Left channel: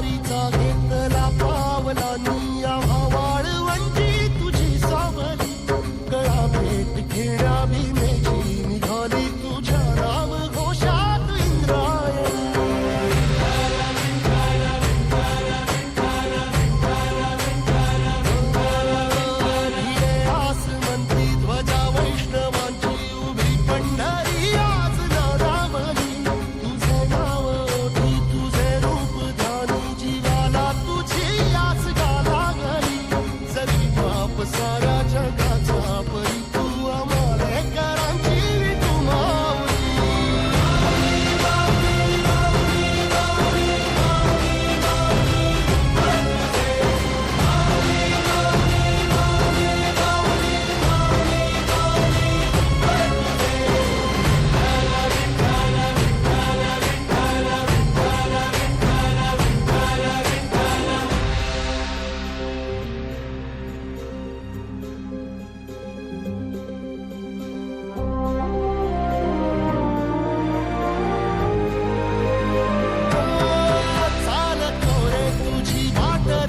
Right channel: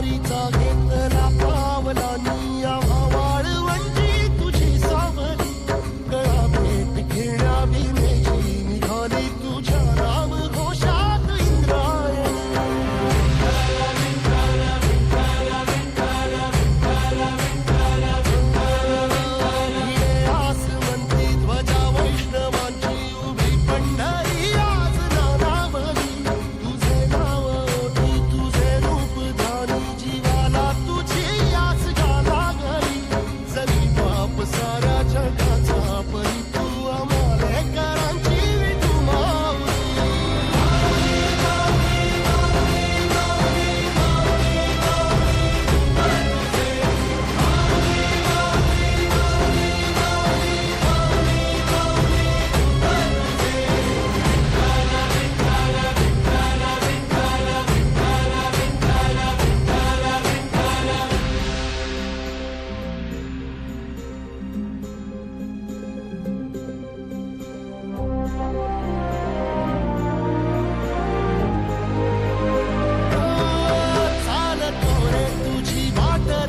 वारीचा घेतला पावलांनी आम्हा वाळवंटी तुझी सावली गळा भेट घेण्या भीमेची निघाली तुझ्या नाम घोषात इंद्रायणी भिडे आसमंती ध्वजा वैष्णवांची उभी पंढरी आज नादावली तुझे नाव ओठी तुझे रूप ध्यानी जीवाला तुझी आस गाला गली जरी बाप साऱ्या जगाचा परी तू आम्हाले करांची तू माऊली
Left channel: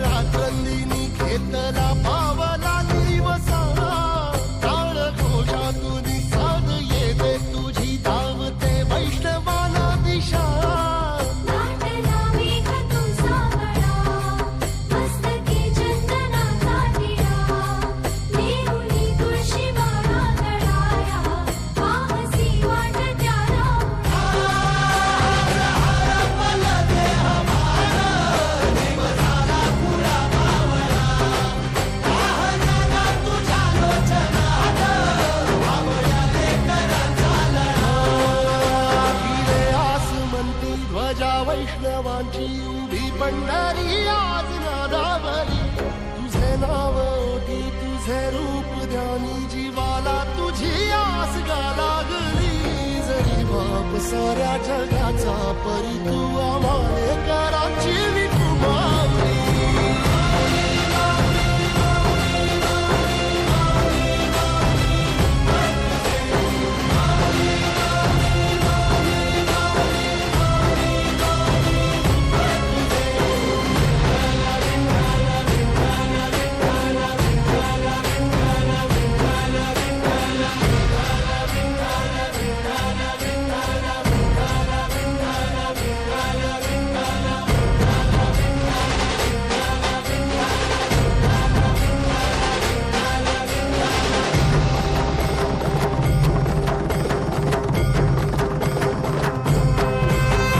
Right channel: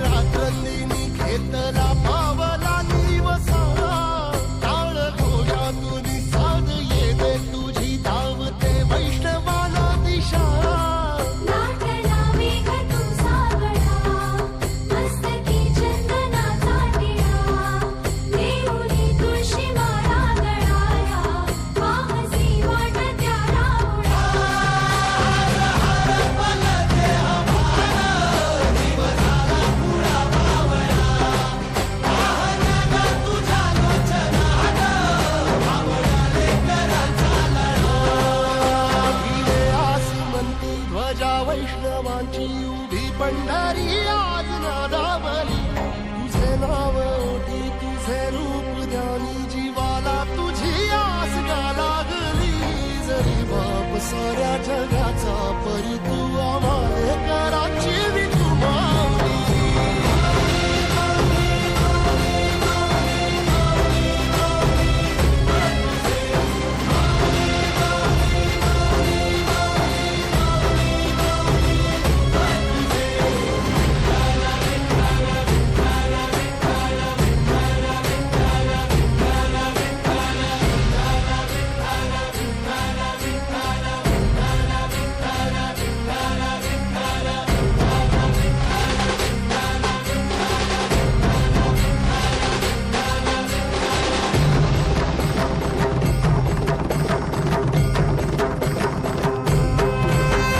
रात्रंदिनी घेतला पावला निवसा टाळ घोषातून साध येते तुझी धावते वैष्णवाला दिशा ध्वजा वैष्णवांची उभी पंढरी आज नादावली तुझे नाव ओठी तुझे रूप ध्यानी जीवाला तुझी आस गा लागली जरी बाप साऱ्या जगाचा परी तू आम्हाले कराची